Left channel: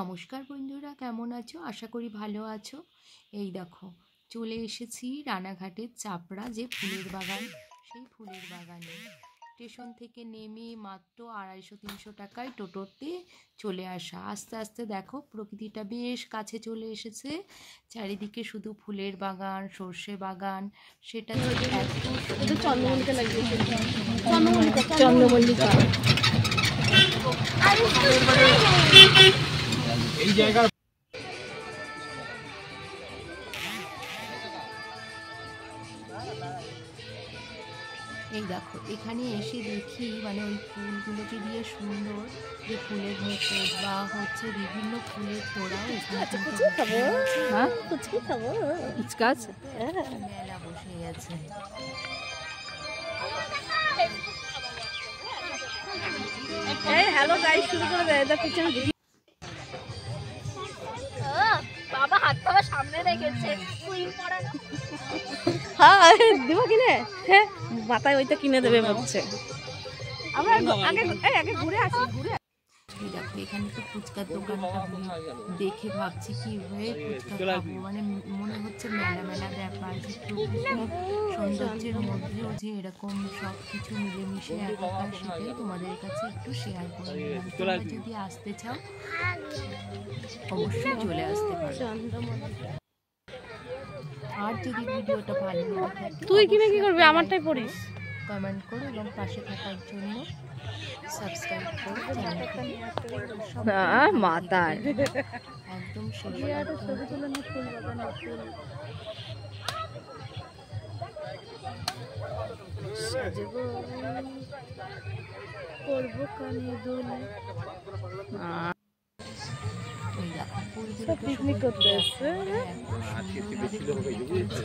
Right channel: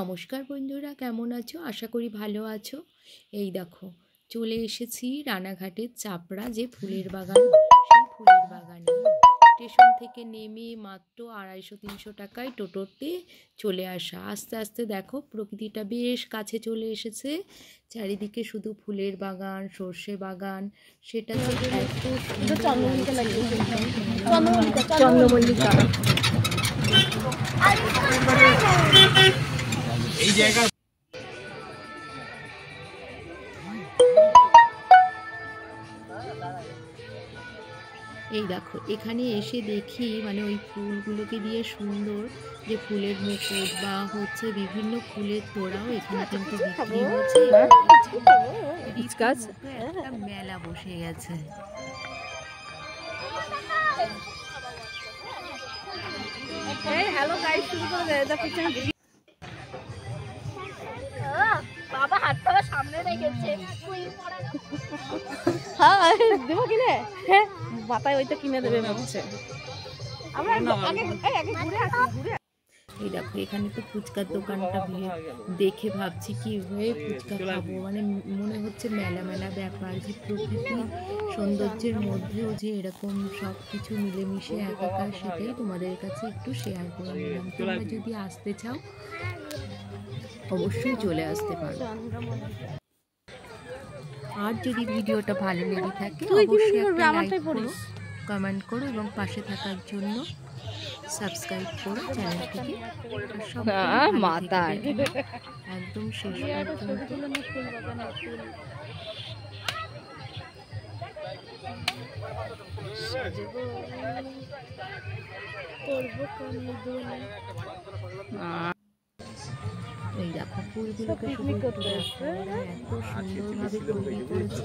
নমস্কার বন্ধুরা, কেমন আছো? আশা করি ভালো আছো। এই দেখো, চলে এসেছি রানাঘাটের চাপড়া যে ফুলের বাগান, সেই ফুলের বাগানে। স্টেশন থেকে নেমে মাত্র 250-300 টাকায় টোটোতে চলে আসা। আস্তে আস্তে দেখো প্রকৃতিটা বেশ কাছে চলে এসেছে। চারিদিকে শুধু ফুলের বাগান, সর্ষে বাগান, সেটা যে এত সুন্দর লাগছে। চন্দ্রমল্লিকা এই জায়গা। এই দেখো, এখানে এসে দেখি মানে ওই ফুলগুলোকে দিয়ে সুন্দর যে ফুলের মুকুট বা হচ্ছে বিভিন্ন ফুলের তোড়াও এখানে কিন্তু বিক্রি হচ্ছে। একটা মেলা বসে গেছে। বাবা হাতটা সামনে রেখেছে। দিব কিনে? হ্যাঁ, মাথায় ওইটা কিনে দেবে ভাবছে। আমরা আগে ঘুরে আসি। এই দেখো, এখানে তো ফুচকার দোকানটা দেখে ভাবছি কি হয়ে ফুচকা খাবো, মানে মনে হচ্ছে মেলা মেলা ব্যাপার, যে প্রকৃতি সৌন্দর্যের মধ্যেও যে এরকম সব কিছু মিলেমিশে একাকার, সেটাই তোমাদের কাছে একটু শেয়ার করে নিলাম। তোমরা যদি আসতে চাও অবশ্যই চলে আসতে পারো। আর যদি ভিডিওটা ভালো লেগে থাকে কমেন্ট করো এবং পাশে থাকার জন্য সাবস্ক্রাইব করো চ্যানেলটিকে। একদম শেষ এই দেখো ফুলগুলোকে এত সুন্দরভাবে তৈরি করেছে।